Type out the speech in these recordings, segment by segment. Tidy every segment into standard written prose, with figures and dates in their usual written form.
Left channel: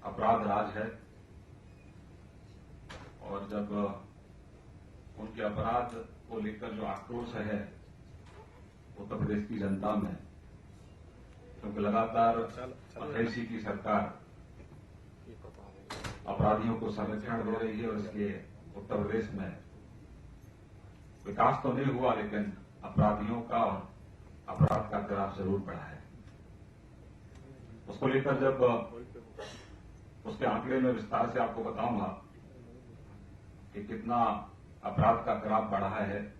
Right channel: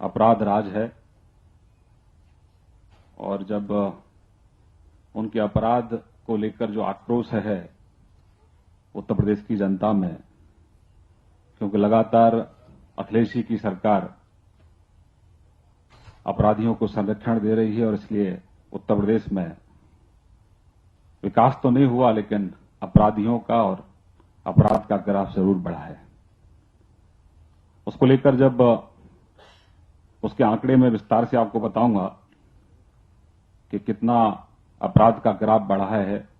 अपराध राज है और जब उनके अपराध को लेकर जो आक्रोश है उत्तर प्रदेश की जनता में, क्योंकि लगातार अखिलेश जी की सरकार अपराधियों को संरक्षण दे रही है और इसलिए उत्तर प्रदेश में विकास तो नहीं हुआ लेकिन अपराधियों का और अपराध का ग्राफ जरूर बढ़ा है। उसको लेकर जब उसके आंकड़े में विस्तार से आपको बताऊंगा कि कितना अपराध का ग्राफ बढ़ा है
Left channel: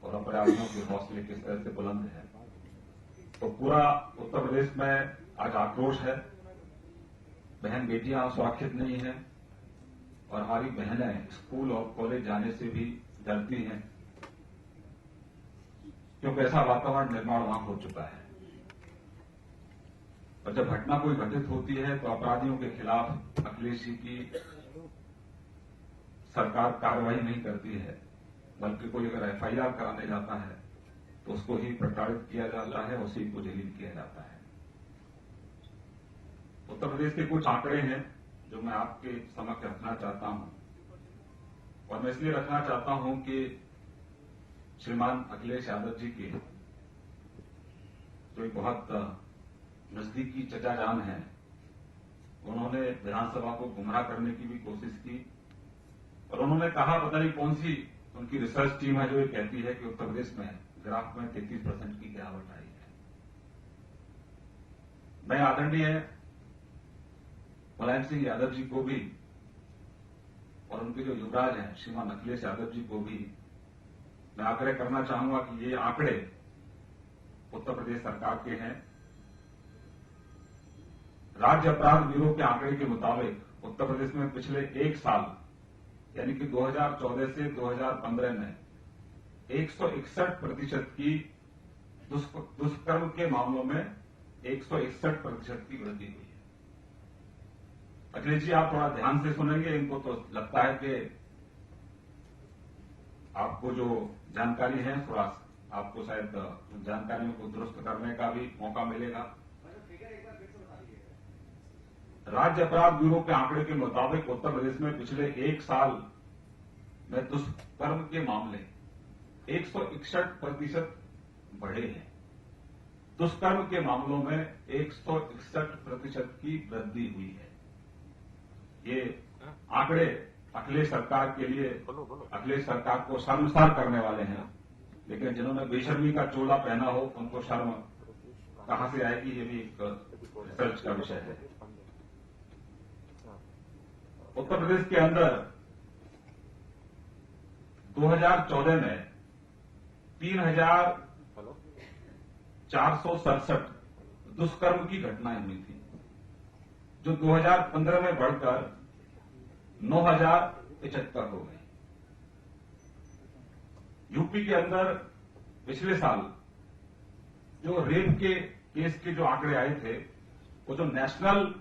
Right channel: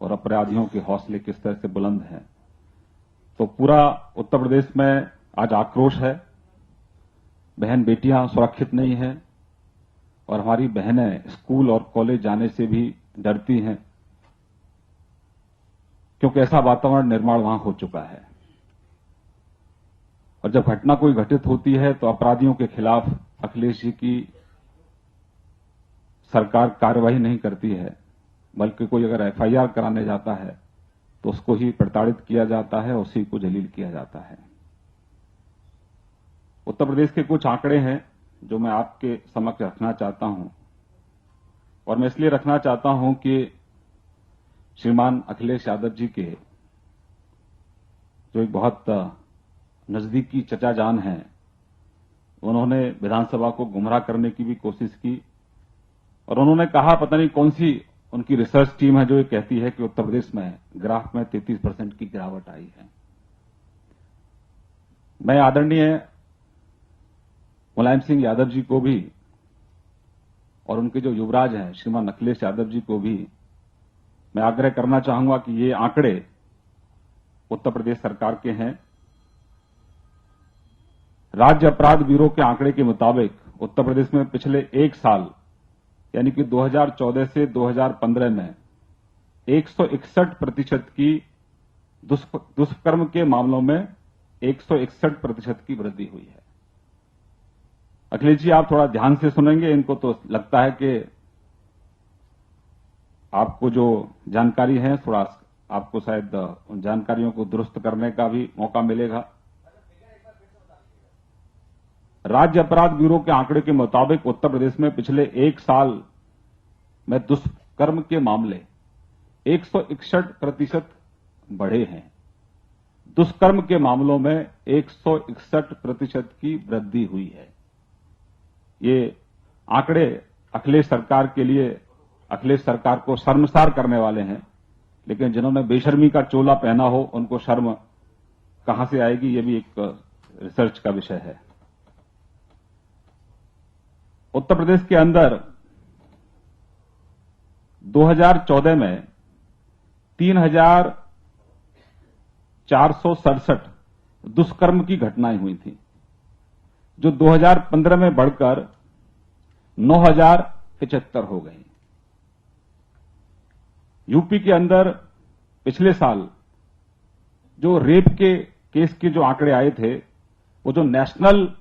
और अपराधियों के हौसले किस तरह से बुलंद हैं, तो पूरा उत्तर प्रदेश में आज आक्रोश है। बहन बेटियां सुरक्षित नहीं हैं और हमारी बहनें स्कूल और कॉलेज जाने से भी डरती हैं, क्योंकि ऐसा वातावरण निर्माण वहां हो चुका है। और जब घटना कोई घटित होती है तो अपराधियों के खिलाफ अखिलेश जी की सरकार कार्रवाई नहीं करती है, बल्कि कोई अगर एफआईआर कराने जाता है तो उसको ही प्रताड़ित किया जाता है, उसी को जलील किया जाता है। उत्तर प्रदेश के कुछ आंकड़े हैं जो मैं आपके समक्ष रखना चाहता हूं, और मैं इसलिए रखना चाहता हूं कि श्रीमान अखिलेश यादव जी के जो एक बहुत नजदीकी चचा जान हैं, उन्होंने विधानसभा को गुमराह करने की भी कोशिश की और उन्होंने कहा पता नहीं कौन सी उनकी रिसर्च टीम है जो ये कहती है कि उत्तर प्रदेश में ग्राफ में 33% की गिरावट आई है। मैं आदरणीय मुलायम सिंह यादव जी को भी और उनके जो युवराज हैं श्रीमान अखिलेश यादव जी को भी मैं आग्रह करना चाहूंगा कि ये आंकड़े उत्तर प्रदेश सरकार के हैं। राज्य अपराध ब्यूरो के आंकड़े के मुताबिक उत्तर प्रदेश में पिछले एक साल यानी कि 2014 से 2015 में 161% की दुष्कर्म के मामलों में 161% की वृद्धि हुई है। अखिलेश जी, आप थोड़ा ध्यान से सुनेंगे, इनको तो लगता है कि आपको जो जानकारी है थोड़ा आपको शायद उन जानकारियों को दुरुस्त करने का भी मौका मिलेगा। राज्य अपराध ब्यूरो के आंकड़े के मुताबिक उत्तर प्रदेश में पिछले एक साल में दुष्कर्म के मामले 161% बढ़े हैं। दुष्कर्म के मामलों में 161% की वृद्धि हुई है। ये आंकड़े अखिलेश सरकार के लिए, अखिलेश सरकार को शर्मसार करने वाले हैं, लेकिन जिन्होंने बेशर्मी का चोला पहना हो उनको शर्म कहां से आएगी, ये भी एक रिसर्च का विषय है। उत्तर प्रदेश के अंदर 2014 में 3,467 दुष्कर्म की घटनाएं हुई थी, जो 2015 में बढ़कर 9,075 हो गई। यूपी के अंदर पिछले साल जो रेप के केस के जो आंकड़े आए थे, वो जो नेशनल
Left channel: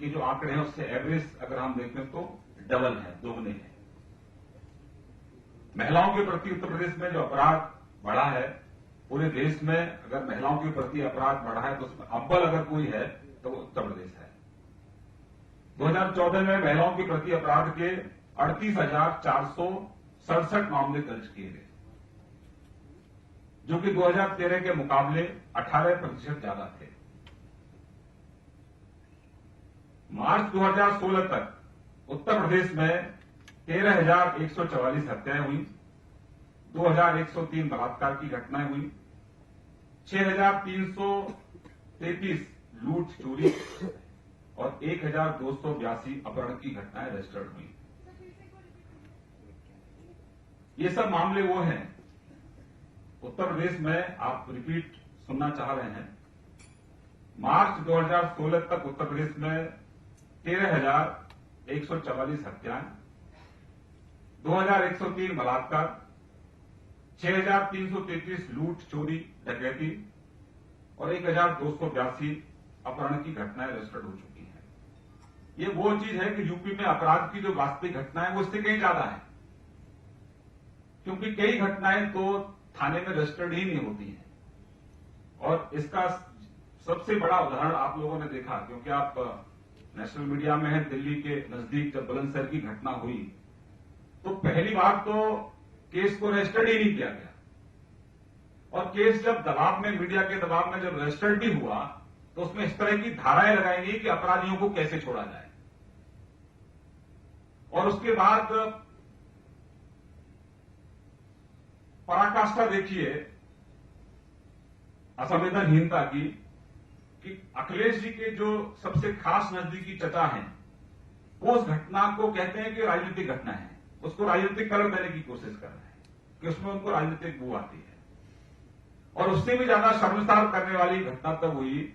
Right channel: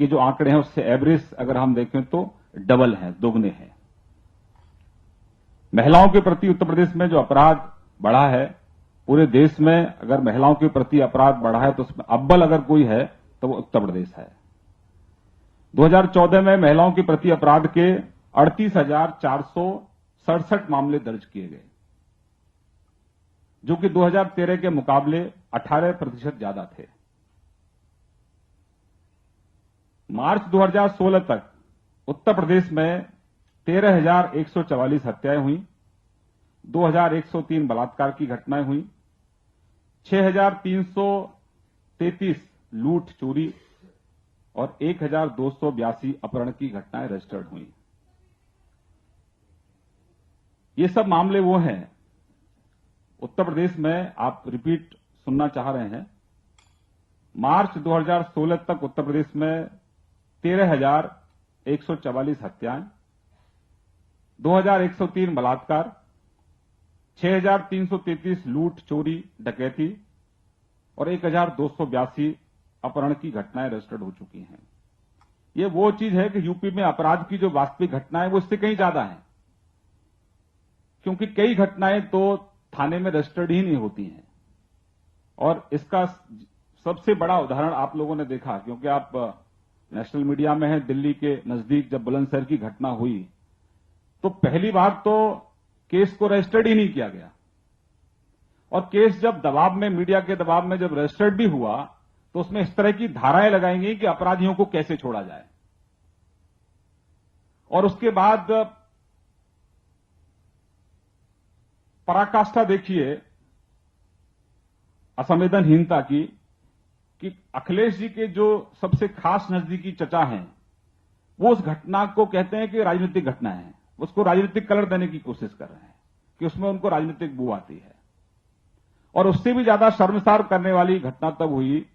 के जो आंकड़े हैं उससे एवरेज अगर हम देखें तो डबल है, दोगुने हैं। महिलाओं के प्रति उत्तर प्रदेश में जो अपराध बढ़ा है, पूरे देश में अगर महिलाओं के प्रति अपराध बढ़ा है तो उसमें अव्वल अगर कोई है तो वो उत्तर प्रदेश है। 2014 में महिलाओं के प्रति अपराध के 38,467 मामले दर्ज किए गए, जो कि 2013 के मुकाबले 18% ज्यादा थे। मार्च 2016 तक उत्तर प्रदेश में 13,144 हत्याएं हुई, 2,103 बलात्कार की घटनाएं हुई, 6,333 लूट चोरी और 1,282 अपहरण की घटनाएं रजिस्टर्ड हुई। ये सब मामले वो हैं उत्तर प्रदेश में, आप रिपीट सुनना चाह रहे हैं। मार्च 2016 तक उत्तर प्रदेश में 13,144 हत्याएं, 2,103 बलात्कार, 6,333 लूट चोरी डकैती और 1,282 अपहरण की घटनाएं रजिस्टर्ड हो चुकी हैं। ये वो चीज है कि यूपी में अपराध की जो वास्तविक घटनाएं वो इससे कहीं ज्यादा है, क्योंकि कई घटनाएं तो थाने में रजिस्टर्ड ही नहीं होती हैं। और इसका सबसे बड़ा उदाहरण आप लोगों ने देखा, क्योंकि आप नेशनल मीडिया में है, दिल्ली के नजदीक जब बुलंदशहर की घटना हुई तो पहली बात तो केस को रजिस्टर्ड ही नहीं किया गया, और केस जब दबाव में, मीडिया के दबाव में जब रजिस्टर्ड भी हुआ तो उसमें इस तरह की धाराएं लगाई गई कि अपराधियों को कैसे छोड़ा जाए। और उसके बाद पराकाष्ठा देखिए असंवेदनहीनता की, कि अखिलेश जी के जो सबसे खास नजदीकी चचा हैं वो उस घटना को कहते हैं कि राजनीतिक घटना है, उसको राजनीतिक कलर देने की कोशिश कर रहे हैं कि उसमें उनको राजनीतिक बू आती है। और उससे भी ज्यादा शर्मसार करने वाली घटना तब हुई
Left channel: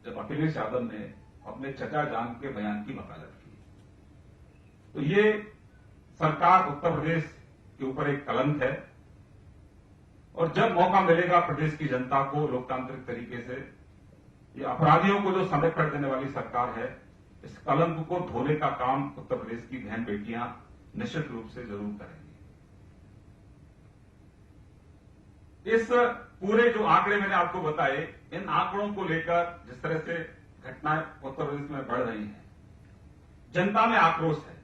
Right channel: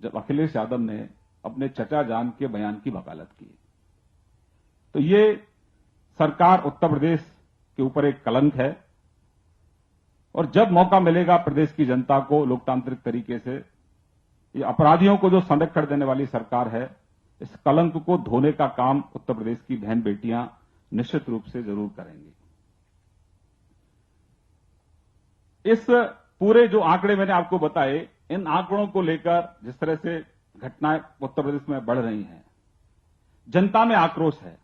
जब अखिलेश यादव ने अपने चचा जान के बयान की वकालत की। तो ये सरकार उत्तर प्रदेश के ऊपर एक कलंक है, और जब मौका मिलेगा प्रदेश की जनता को लोकतांत्रिक तरीके से, ये अपराधियों को जो संरक्षण देने वाली सरकार है, इस कलंक को धोने का काम उत्तर प्रदेश की बहन बेटियां निश्चित रूप से जरूर करेंगी। इस पूरे जो आंकड़े मैंने आपको बताए, इन आंकड़ों को लेकर जिस तरह से घटनाएं उत्तर प्रदेश में बढ़ रही हैं, जनता में आक्रोश है।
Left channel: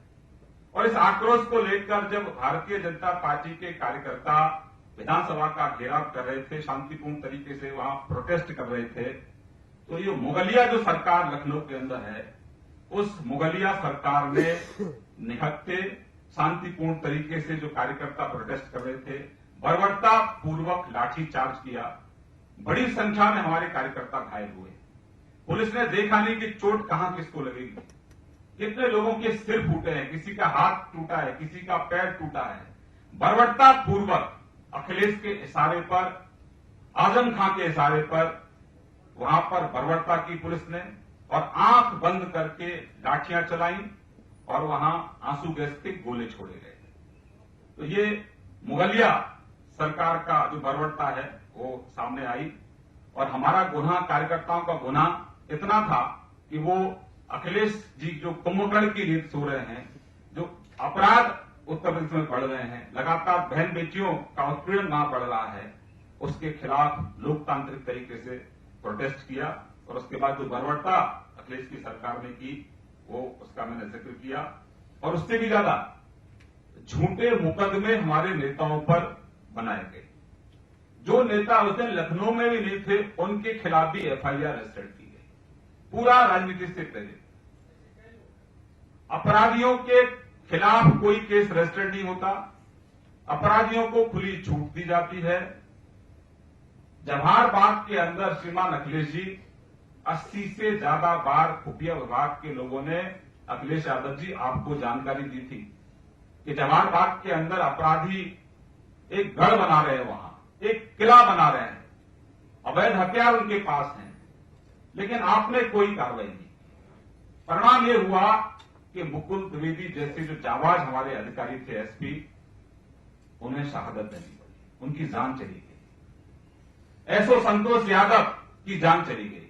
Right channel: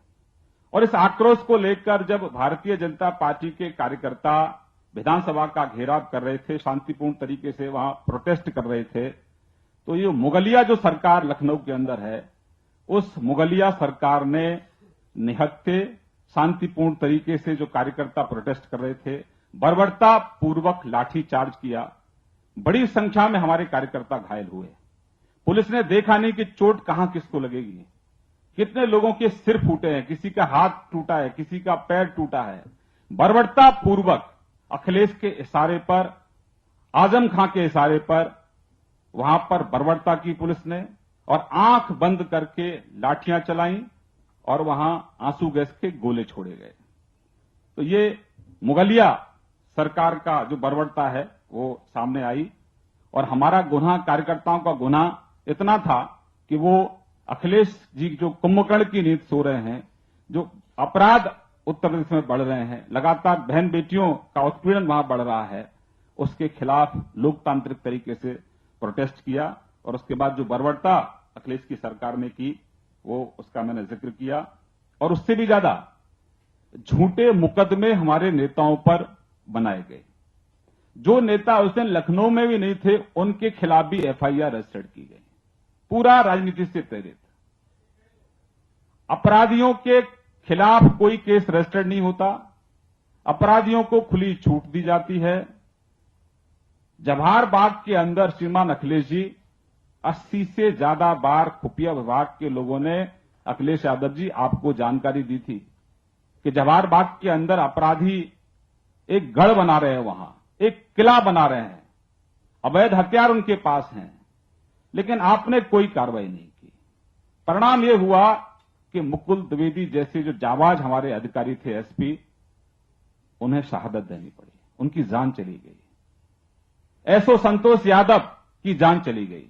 और इस आक्रोश को लेकर जब भारतीय जनता पार्टी के कार्यकर्ता विधानसभा का घेराव कर रहे थे, शांतिपूर्ण तरीके से वहां प्रोटेस्ट कर रहे थे, तो ये मुगलिया जो सरकार लखनऊ के अंदर है, उस मुगलिया सरकार ने निहत्थे शांतिपूर्ण तरीके से जो कार्यकर्ता प्रोटेस्ट कर रहे थे, बर्बरता पूर्वक लाठीचार्ज किया। बड़ी संख्या में हमारे कार्यकर्ता घायल हुए। पुलिस ने देखा नहीं कि चोट कहां किसको लगेगी, कितने लोगों के सिर फूटे हैं, किसी का हाथ टूटा है, किसी का पैर टूटा है। बर्बरता पूर्वक अखिलेश के इशारे पर, आजम खां के इशारे पर वहां पर बर्बरता की पुलिस ने, और आंख बंद करके लाठियां चलाई और वहां आंसू गैस के गोले छोड़े गए। तो ये मुगलिया सरकार का जो बर्बरता है वो सामने आई। और हमारा गुनाह, कार्यकर्ताओं का गुनाह इतना था कि वो अखिलेश जी जो कुंभकर्ण की नींद सो रहे हैं, जो अपराध उत्तर प्रदेश में बढ़ रहे हैं, लगातार बहन बेटियों का उत्पीड़न वहां बढ़ रहा है, उसके खिलाफ लोकतांत्रिक तरीके से प्रोटेस्ट किया। और उसके बाद जो बर्बरता अखिलेश की सरकार ने की, वो उसका मैंने जिक्र किया। और उससे भी ज्यादा झूठे मुकदमे हमारे नेताओं पर बनाए गए। जो नेता उस दिन लखनऊ में भी नहीं थे, उनके खिलाफ भी एफआईआर रजिस्टर्ड की गई, पूरा राजनीति से प्रेरित। अपराधियों के खिलाफ कोई केस रजिस्टर्ड नहीं होता, अपराधियों को खुली छूट दी जाती है। जवाहर बाग के अंदर श्रीमान अखिलेश जी 80 से ज्यादा बार खुफिया विभाग के लोगों ने, अखिलेश यादव जी, आपको जानकारी दी थी कि जवाहर बाग के अंदर अपराधी एक गढ़ बना रहे हैं, वहां एक किला बना रहे हैं, अवैध हथियार उनके पास हैं, लेकिन आपने कोई कार्रवाई नहीं की। परिणाम यह हुआ कि मुकुल द्विवेदी जैसे जो जाबाज हमारे अधिकारी थे, एसपी, उन्हें शहादत देनी पड़ी, उनकी जान चली गई। एसओ संतोष यादव की जान चली गई।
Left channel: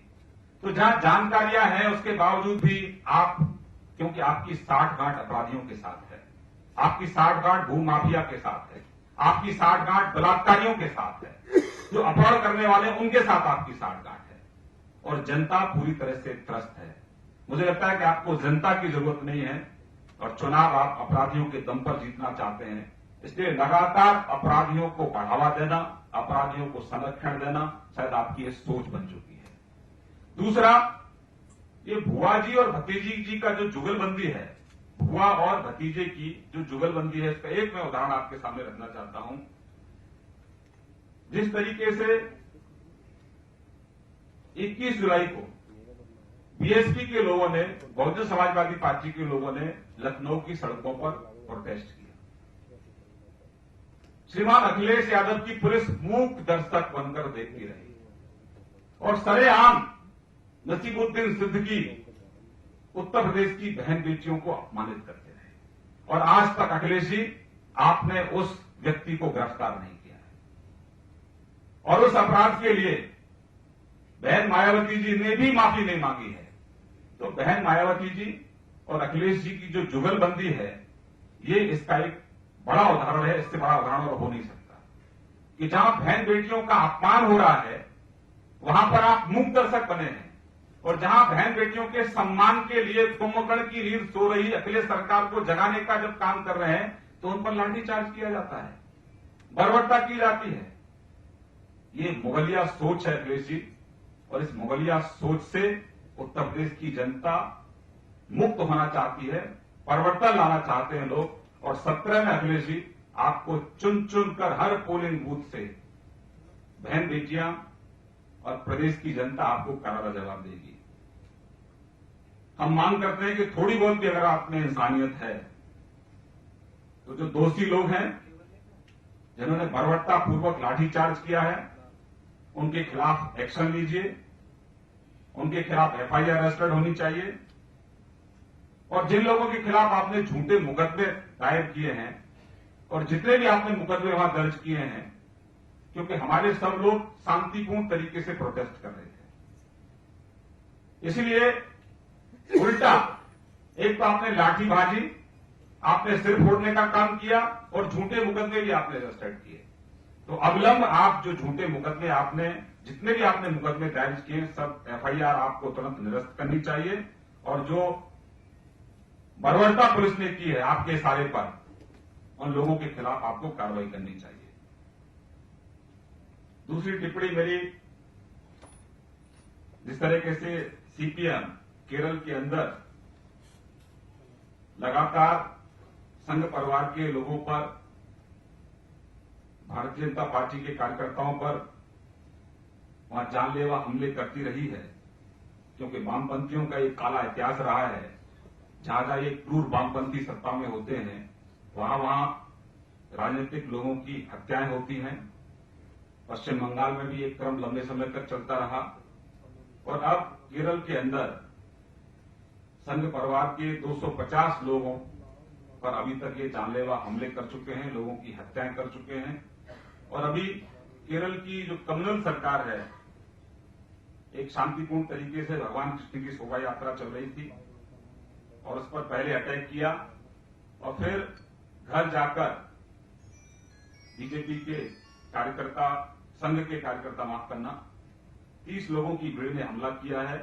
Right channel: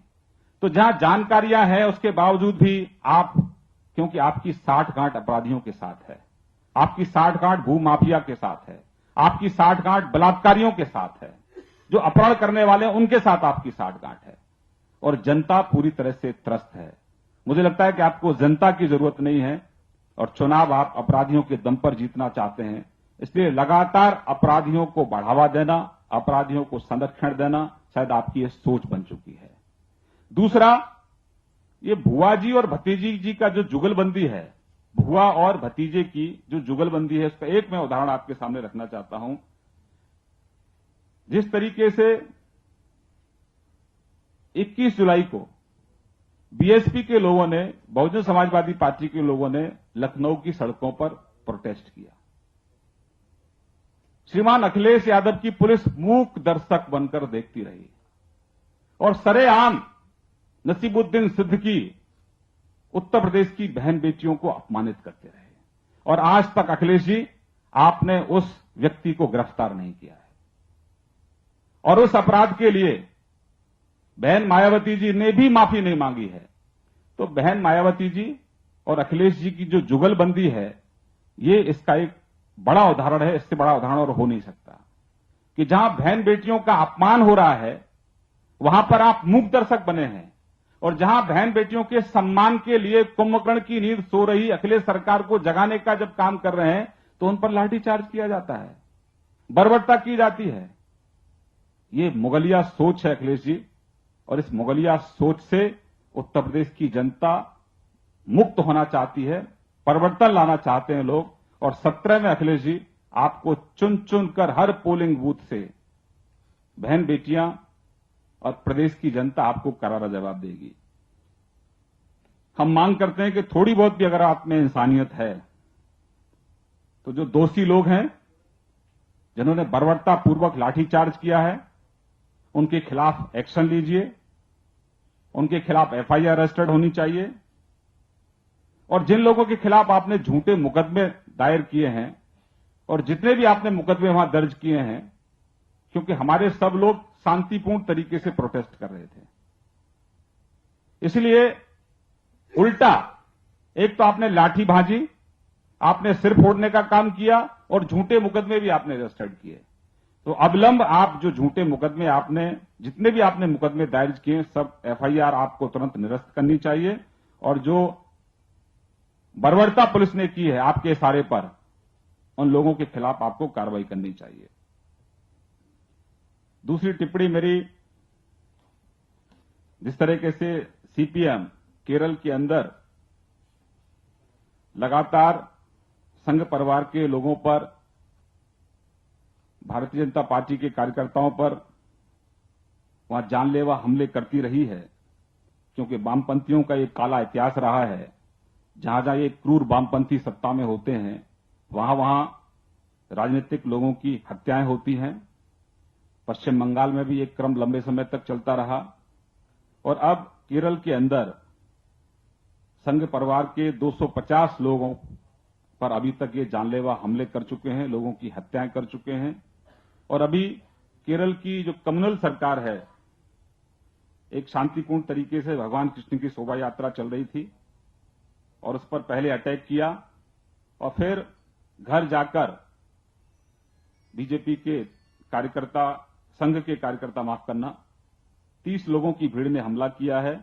तो जहां जानकारियां हैं उसके बावजूद भी आप, क्योंकि आपकी साठगांठ अपराधियों के साथ है, आपकी साठगांठ भूमाफिया के साथ है, आपकी साठगांठ बलात्कारियों के साथ है, जो अपराध करने वाले हैं उनके साथ आपकी साठगांठ है, और जनता पूरी तरह से त्रस्त है। मुझे लगता है कि आपको जनता की जरूरत नहीं है, और चुनाव आप अपराधियों के दम पर जीतना चाहते हैं। इसलिए लगातार अपराधियों को बढ़ावा देना, अपराधियों को संरक्षण देना शायद आपकी यह सोच बन चुकी है। दूसरा, ये भुआ जी और भतीजी जी का जो जुगलबंदी है, भुआ और भतीजे की जो जुगलबंदी है, इसका एक मैं उदाहरण आपके सामने रखना चाहता हूं। जिस तरीके से 21 जुलाई को बीएसपी के लोगों ने, बहुजन समाजवादी पार्टी के लोगों ने लखनऊ की सड़कों पर प्रोटेस्ट किया, श्रीमान अखिलेश यादव की पुलिस मूक दर्शक बनकर देखती रही और सरेआम नसीबुद्दीन सिद्दीकी उत्तर प्रदेश की बहन बेटियों को अपमानित करते रहे, और आज तक अखिलेश जी आपने उस व्यक्ति को गिरफ्तार नहीं किया है। और उस अपराध के लिए बहन मायावती जी ने भी माफी नहीं मांगी है। तो बहन मायावती जी और अखिलेश जी की जो जुगलबंदी है, ये इसका एक बड़ा उदाहरण है। इससे बड़ा उदाहरण और हो नहीं सकता कि जहां बहन बेटियों का अपमान हो रहा है, वहां पर आप मूक दर्शक बने हैं, और जहां बहन बेटियों के सम्मान के लिए कुंभकर्ण की नींद सो रही अखिलेश सरकार को जगाने का जब काम कर रहे हैं तो उन पर लाठीचार्ज किया जाता है, बर्बरता की जाती है। ये मुगलिया सोच है अखिलेश जी, और इस मुगलिया सोच से उत्तर प्रदेश की जनता मुक्त होना चाहती है, परिवर्तन लाना चाहते हैं लोग। और 17 में अखिलेश जी आपको चुन चुन कर हर पोलिंग बूथ से बहन बेटियां और प्रदेश की जनता आपको करारा जवाब देगी। हम मांग करते हैं कि थोड़ी बहुत भी अगर आप में इंसानियत है तो जो दोषी लोग हैं जिन्होंने बर्बरता पूर्वक लाठीचार्ज किया है उनके खिलाफ एक्शन लीजिए, उनके खिलाफ एफआईआर रजिस्टर्ड होनी चाहिए। और जिन लोगों के खिलाफ आपने झूठे मुकदमे दायर किए हैं और जितने भी आपने मुकदमे वहां दर्ज किए हैं, क्योंकि हमारे सब लोग शांतिपूर्ण तरीके से प्रोटेस्ट कर रहे थे, इसलिए उल्टा एक तो आपने लाठी भाजी, आपने सिर फोड़ने का काम किया और झूठे मुकदमे भी आपने रजिस्टर्ड किए। तो अविलंब आप जो झूठे मुकदमे आपने जितने भी आपने मुकदमे दायर किए सब एफआईआर आपको तुरंत निरस्त करनी चाहिए। और जो बर्बरता पुलिस ने की है आपके इशारे पर, उन लोगों के खिलाफ आपको कार्रवाई करनी चाहिए। दूसरी टिप्पणी मेरी, जिस तरीके से सीपीएम केरल के अंदर लगातार संघ परिवार के लोगों पर, भारतीय जनता पार्टी के कार्यकर्ताओं पर वहां जानलेवा हमले करती रही है, क्योंकि वामपंथियों का एक काला इतिहास रहा है। जहां जहां ये क्रूर वामपंथी सत्ता में होते हैं वहां वहां राजनीतिक लोगों की हत्याएं होती हैं। पश्चिम बंगाल में भी एक क्रम लंबे समय तक चलता रहा और अब केरल के अंदर संघ परिवार के 250 लोगों पर अभी तक ये जानलेवा हमले कर चुके हैं, लोगों की हत्याएं कर चुके हैं। और अभी केरल की जो कम्युनल सरकार है, एक शांतिपूर्ण तरीके से भगवान कृष्ण की शोभा यात्रा चल रही थी और उस पर पहले अटैक किया और फिर घर जाकर बीजेपी के कार्यकर्ता, संघ के कार्यकर्ता माफ करना, 30 लोगों की भीड़ ने हमला किया है।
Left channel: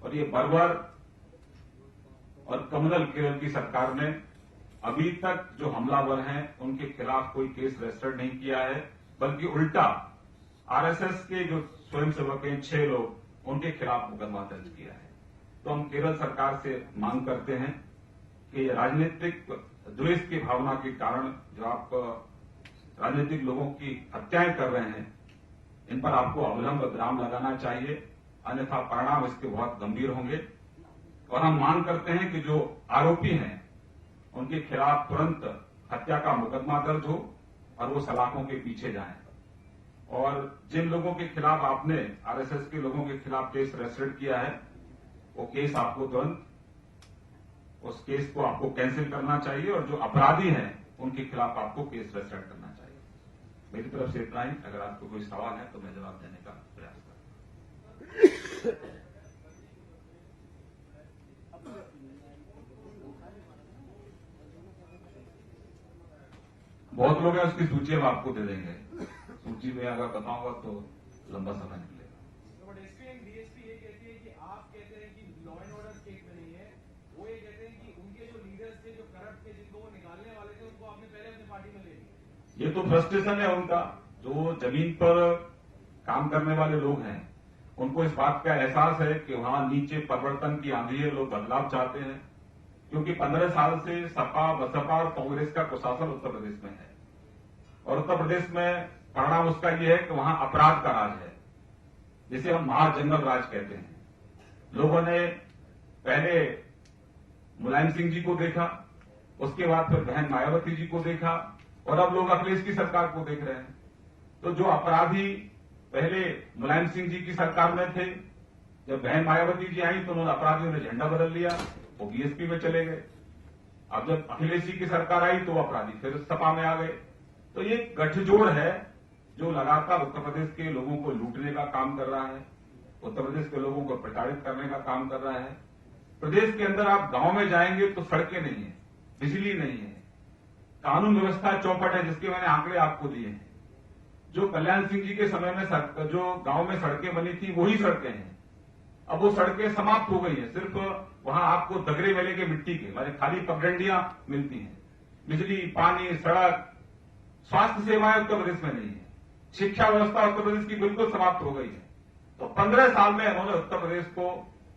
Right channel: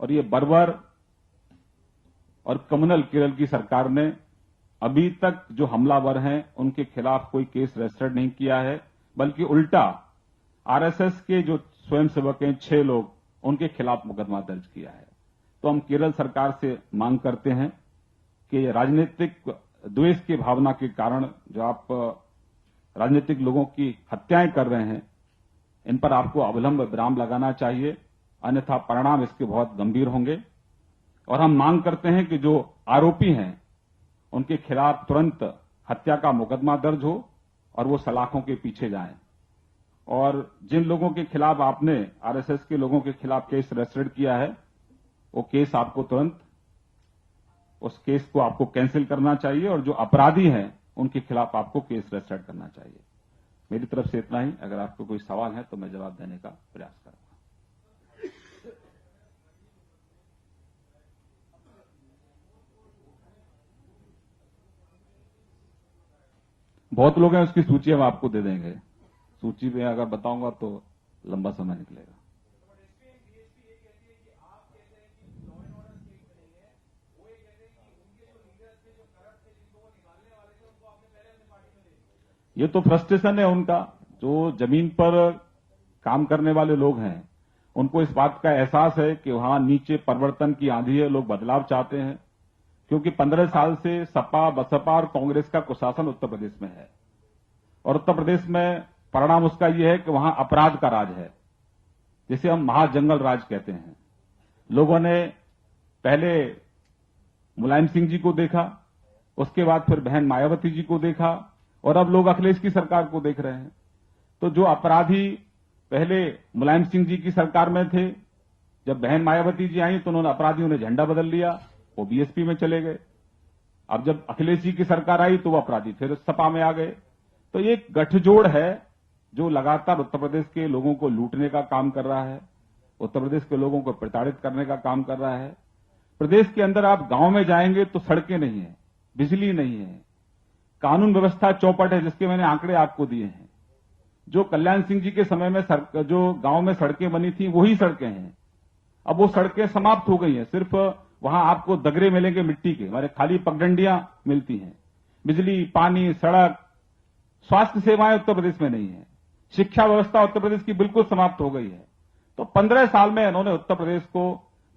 और ये बर्बर और कम्युनल केरल की सरकार ने अभी तक जो हमलावर हैं उनके खिलाफ कोई केस रजिस्टर्ड नहीं किया है, बल्कि उल्टा आरएसएस के जो स्वयंसेवक हैं 6 लोग, उनके खिलाफ मुकदमा दर्ज किया है। तो हम केरल सरकार से मांग करते हैं कि राजनीतिक द्वेष की भावना के कारण जो आप राजनीतिक लोगों की हत्याएं कर रहे हैं, इन पर आपको अविलंब विराम लगाना चाहिए, अन्यथा परिणाम इसके बहुत गंभीर होंगे। और हम मांग करते हैं कि जो आरोपी हैं उनके खिलाफ तुरंत हत्या का मुकदमा दर्ज हो और वो सलाखों के पीछे जाएं। और जिन लोगों के खिलाफ आपने आरएसएस के लोगों के खिलाफ केस रजिस्टर्ड किया है, वो केस आपको तुरंत उस केस को आपको कैंसिल करना चाहिए और जो अपराधी हैं उनके खिलाफ आपको केस रजिस्टर्ड करना चाहिए। मेरी तरफ से इतना ही। अगर आपको कोई सवाल है तो मैं जवाब देने का प्रयास करूंगा। बहुत लोग हैं, उसकी सूची हम आपको दे देंगे। सूची में अगर बताऊंगा तो लंबा समय निकलेगा। ये तो फ्रस्ट्रेशन है उनका, जो जमीन पर काम करने वाले लोग हैं उनको इस बात का एहसास है कि वहां नीचे परिवर्तन की आंधी है, लोग बदलाव चाहते हैं। क्योंकि 15 साल से सपा, बसपा और कांग्रेस का कुशासन उत्तर प्रदेश में है और उत्तर प्रदेश में परिणाम उसका यह है कि वहां अपराध का राज है, जिसे हम महाजंगल राज कहते हैं। लोगों ने पहले मुलायम सिंह जी को देखा, उसके बाद फिर बहन मायावती जी को देखा और अब लोग अखिलेश की सरकार को देख रहे हैं। तो जो अपराधी पहले मुलायम सिंह जी की सरकार में थे, जब बहन मायावती जी आई तो उन्होंने अपराधियों ने झंडा बदल लिया, वो बीएसपी में चले गए। अब जब अखिलेश जी की सरकार आई तो वो अपराधी फिर सपा में आ गए। तो ये गठजोड़ है जो लगातार उत्तर प्रदेश के लोगों को लूटने का काम कर रहा है, उत्तर प्रदेश के लोगों को प्रताड़ित करने का काम कर रहा है। प्रदेश के अंदर आप गांव में जाएंगे तो सड़कें नहीं है, बिजली नहीं है, कानून व्यवस्था चौपट है, जिसके मैंने आंकड़े आपको दिए हैं। जो कल्याण सिंह जी के समय में जो गांव में सड़कें बनी थी वही सड़कें हैं। अब वो सड़कें समाप्त हो गई हैं, सिर्फ वहां आपको दगरे मिलेंगे मिट्टी के, हमारे खाली पगडंडियां मिलती हैं। बिजली, पानी, सड़क, स्वास्थ्य सेवाएं उत्तर प्रदेश में नहीं है। शिक्षा व्यवस्था उत्तर प्रदेश की बिल्कुल समाप्त हो गई है। तो 15 साल में इन्होंने उत्तर प्रदेश को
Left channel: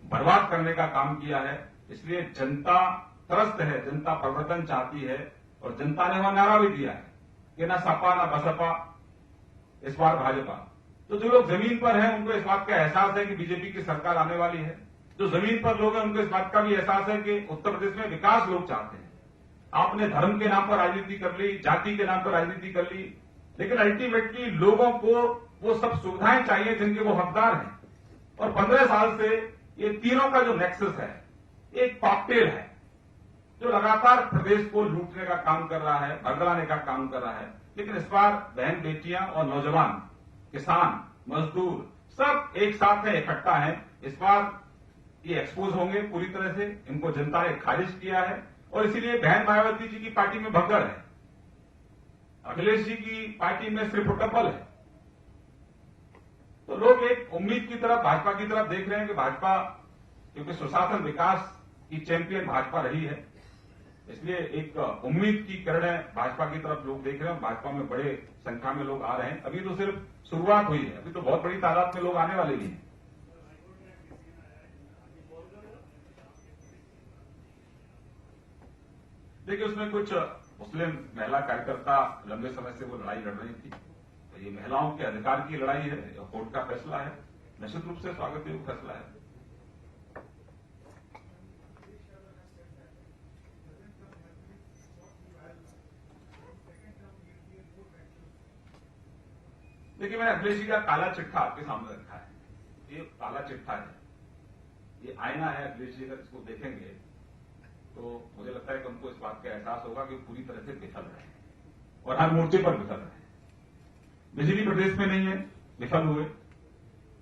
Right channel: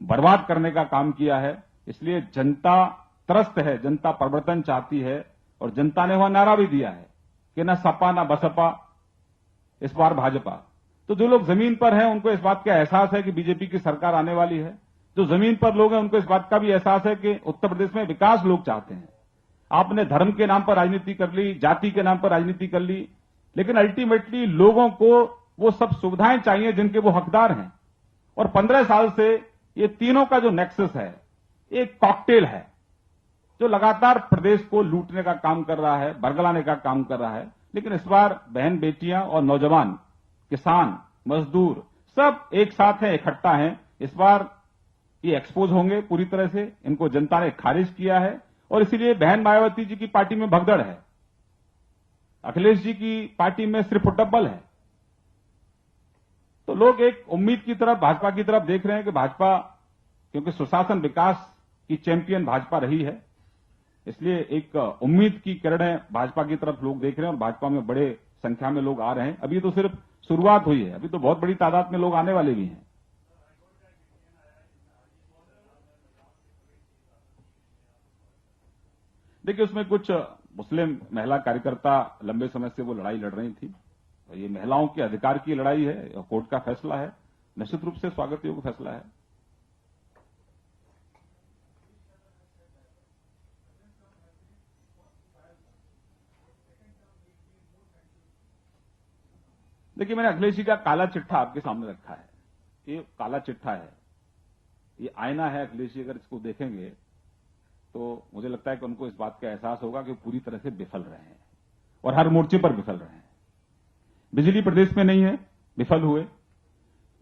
बर्बाद करने का काम किया है। इसलिए जनता त्रस्त है, जनता परिवर्तन चाहती है और जनता ने वहां नारा भी दिया है कि न सपा न बसपा, इस बार भाजपा। तो जो लोग जमीन पर हैं उनको इस बात का एहसास है कि बीजेपी की सरकार आने वाली है। जो जमीन पर लोग हैं उनको इस बात का भी एहसास है कि उत्तर प्रदेश में विकास लोग चाहते हैं। आपने धर्म के नाम पर राजनीति कर ली, जाति के नाम पर राजनीति कर ली, लेकिन अल्टीमेटली लोगों को वो सब सुविधाएं चाहिए जिनके वो हकदार हैं। और 15 साल से ये तीनों का जो नेक्सस है, एक कॉकटेल है जो लगातार प्रदेश को लूटने का काम कर रहा है, बरगलाने का काम कर रहा है। लेकिन इस बार बहन बेटियां और नौजवान, किसान, मजदूर सब एक साथ हैं, इकट्ठा हैं। इस बार ये एक्सपोज होंगे पूरी तरह से, इनको जनता ने खारिज किया है और इसीलिए बहन मायावती जी की पार्टी में भगदड़ है, अखिलेश जी की पार्टी में सिर्फ टब्बल है। तो लोग एक उम्मीद की तरफ, भाजपा की तरफ देख रहे हैं कि भाजपा, क्योंकि सुशासन विकास की चैंपियन भाजपा रही है, इसलिए एक उम्मीद की किरणें भाजपा की तरफ लोग देख रहे हैं। भाजपा में बड़े संख्या में लोग आ रहे हैं। अभी तो सिर्फ शुरुआत हुई है, अभी तो बहुत बड़ी तादाद में लोग आने वाले भी हैं। देखिए, उसमें कुछ मुस्लिम महिला कार्यकर्ता लंबे समय से वो लड़ाई लड़ रही थी। ये महिलाओं के अधिकार की लड़ाई है, कोर्ट का फैसला है, निश्चित रूप से स्वागत योग्य फैसला है। देखिए, मैंने अखिलेश जी का काला चिट्ठा आपके सामने रखा है। ये काला चिट्ठा है, ये आईना है। अखिलेश जी अगर इसको देखेंगे तो मुझे लगता है कि उनको इस बात का एहसास होगा कि पूरी तरह से विफल रहे हैं और हर मोर्चे पर विफल रहे हैं। बिजली प्रदेश में नहीं है, विफल हुए।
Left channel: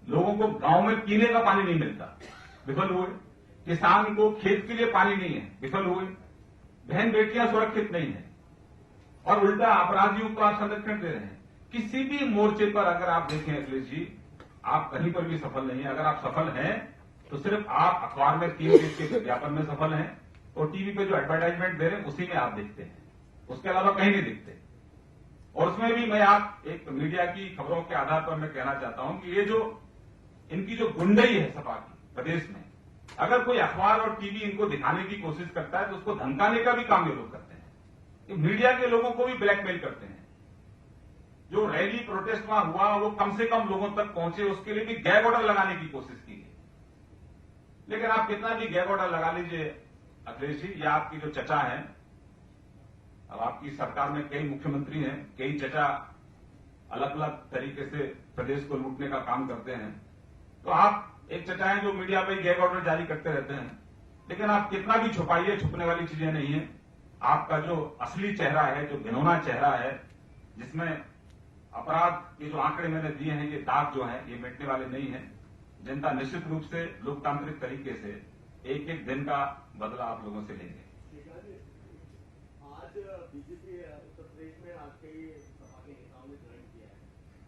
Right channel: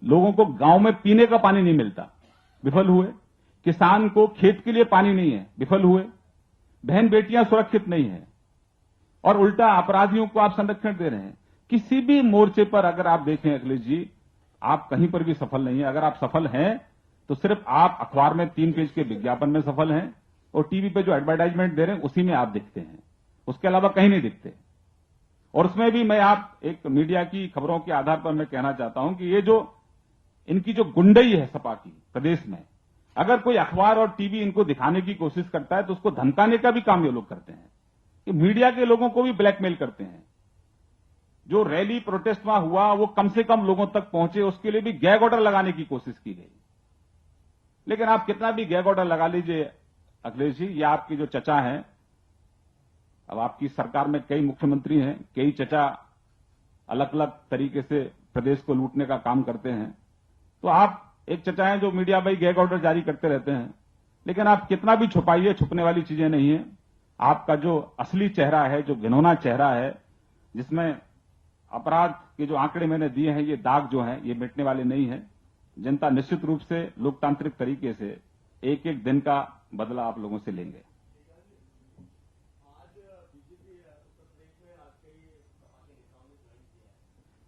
लोगों को गांव में पीने का पानी नहीं मिलता, विफल हुए। किसान को खेत के लिए पानी नहीं है, विफल हुए। बहन बेटियां सुरक्षित नहीं है और उल्टा अपराधियों को आप संरक्षण दे रहे हैं। किसी भी मोर्चे पर अगर आप देखें अखिलेश जी, आप कहीं पर भी सफल नहीं है। अगर आप सफल हैं तो सिर्फ आप अखबार में 3 पेज के विज्ञापन में सफल हैं और टीवी पे जो एडवर्टाइजमेंट दे रहे हैं उसी में आप दिखते हैं, उसके अलावा कहीं नहीं दिखते। और उसमें भी मैं आप एक मीडिया की खबरों के आधार पर मैं कहना चाहता हूं कि ये जो इनकी जो गुंडई है सपा की प्रदेश में, अगर कोई अखबार और टीवी इनको दिखाने की कोशिश करता है तो उसको धमकाने का भी काम ये लोग करते हैं। कि मीडिया के लोगों को भी ब्लैकमेल करते हैं। जो रैली प्रोटेस्ट वहां हुआ वो कम से कम लोगों तक पहुंचे, उसके लिए भी गैग ऑर्डर लगाने की कोशिश की गई। लेकिन आप कितना भी गैग ऑर्डर लगा लीजिए अखिलेश जी, ये आपकी जो चचा हैं, अब आपकी सरकार में कई मुख्यमंत्री हैं, कई चचा अलग अलग तरीके से प्रदेश को लूटने का काम करते हैं। तो आप एक चचा हैं जो मीडिया पर गैग ऑर्डर जारी करते रहते हैं। लेकिन आप कितना भी छुपाइए, छुपने वाली चीजें नहीं है। आपका जो असली चेहरा है, जो घिनौना चेहरा है, जिसमें अपराध के जो आंकड़े मैंने दिए हैं, ये दाग जो हैं ये मिटने वाले नहीं हैं। जनता निश्चित रूप से लोकतांत्रिक तरीके से एक एक दिन का बदला आप लोगों से लेंगे। आज बीजेपी उत्तर प्रदेश में आज कई सपा के नेताओं ने ज्वाइन किया है।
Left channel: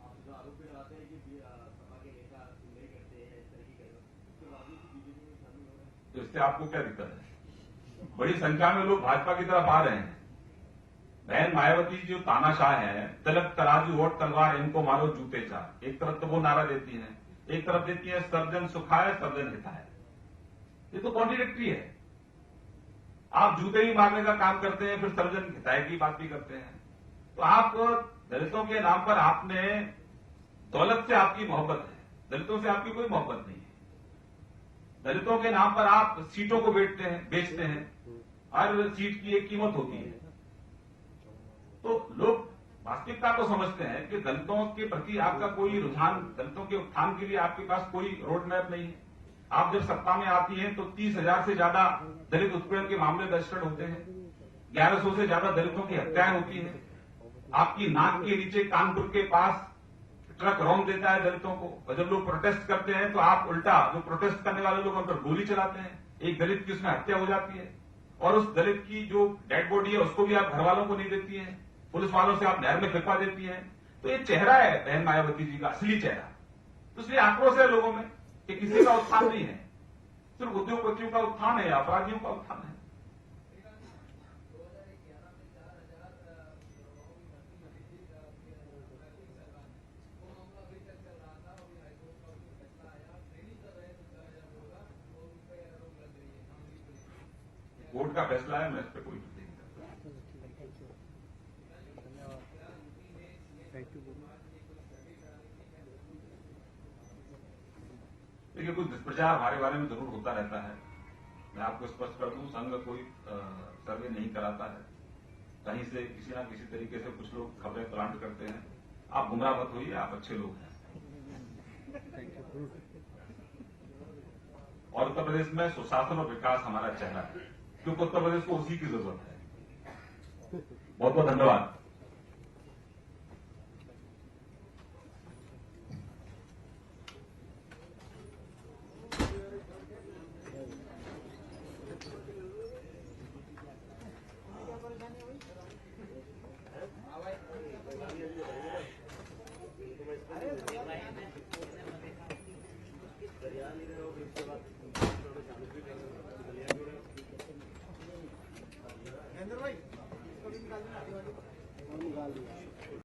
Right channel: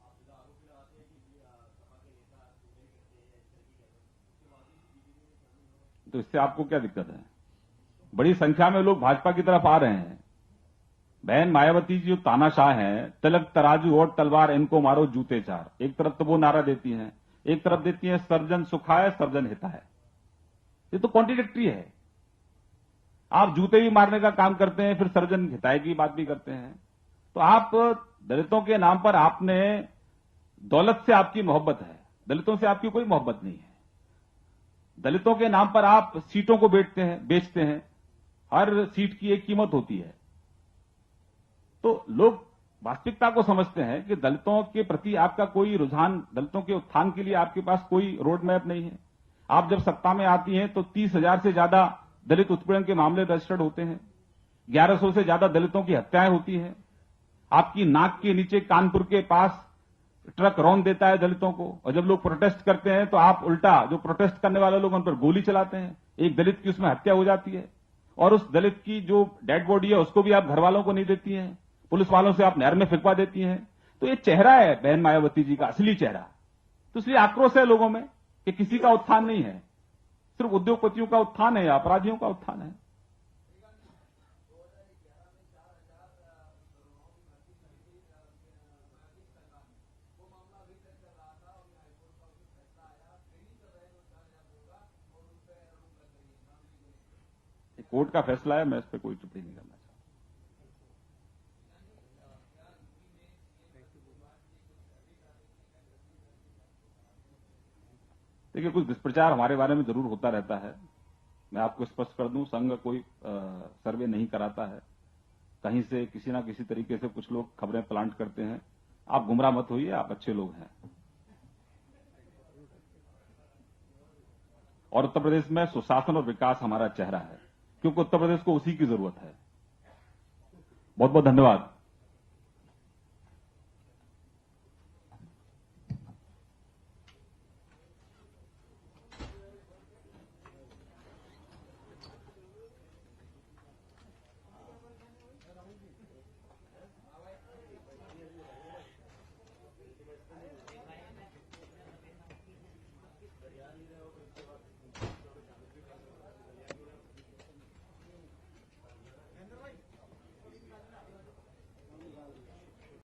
आप जो आरोप लगाते हैं कि सपा के नेता नहीं करते हैं, इस तरह की करते, उसके बावजूद बीजेपी में शामिल हो रहे हैं। तो इससे आपको क्या दिक्कत है? बड़ी संख्या में लोग भाजपा की तरफ आ रहे हैं। बहन मायावती जी जो तानाशाह हैं, तिलक तराजू और तलवार इनको मारो जूते चार, एक तरफ तो वो नारा देती हैं, एक तरफ देती हैं सर्जन सुखाय सर्जन हिताय। ये तो कॉन्ट्रडिक्टरी है। आप जूते भी मारने का काम करते हैं, फिर सर्जन हिताय की बात भी करते हैं। तो आप दलितों के नाम पर, आपने दौलत से आपकी मोहब्बत है, दलितों से आपकी कोई मोहब्बत नहीं है। दलितों के नाम पर आप सीटों को बेचते हैं। हर सीट की एक कीमत होती है। तो लोग वास्तविकता को समझते हैं कि दलितों के प्रति आपका कोई रुझान, दलितों के उत्थान के लिए आपके पास कोई रोड मैप नहीं है। आप जब सत्ता में आती हैं तो 30,000 से ज्यादा दलित उत्पीड़न के मामले रजिस्टर्ड होते हैं, 1100 से ज्यादा दलितों की हत्याएं होती हैं। आपकी नाक के नीचे कानपुर के पास ट्रक रौंद देता है दलितों को, और जब लोग प्रोटेस्ट करते हैं तो आप उल्टा जो प्रोटेस्ट करने वाले लोग उन पर गोली चलाते हैं। एक दलित की उसमें हत्या हो जाती है और उस दलित की जो डेड बॉडी है उसको भी आप घर वालों को नहीं देती हैं, पुलिस वालों से आप नहर में फेंकवा देती हैं। तो ये चेहरा है बहन मायावती जी का, असली चेहरा। तो इसलिए आक्रोश है लोगों में कि किसी का उत्थान नहीं है, सिर्फ उद्योगपतियों का उत्थान है या अपराधियों का उत्थान है। कोर्ट का फैसला है, मैं इस पर कोई टिप्पणी नहीं करता। देखिए, कुछ दुष्प्रचार हमारे बारे में जरूर होता रहता है। मैं आपको स्पष्ट कर दूं, संघ कोई सर्वे नहीं कराता है। कहीं से किसी ना किसी तरीके से कुछ लोग खबरें प्लांट करते हैं। आप गुमराह मत होइए, आप अच्छे लोग हैं। और उत्तर प्रदेश में सुशासन और विकास हमारा चेहरा है, क्योंकि उत्तर प्रदेश को उसी की जरूरत है। बहुत बहुत धन्यवाद। भाई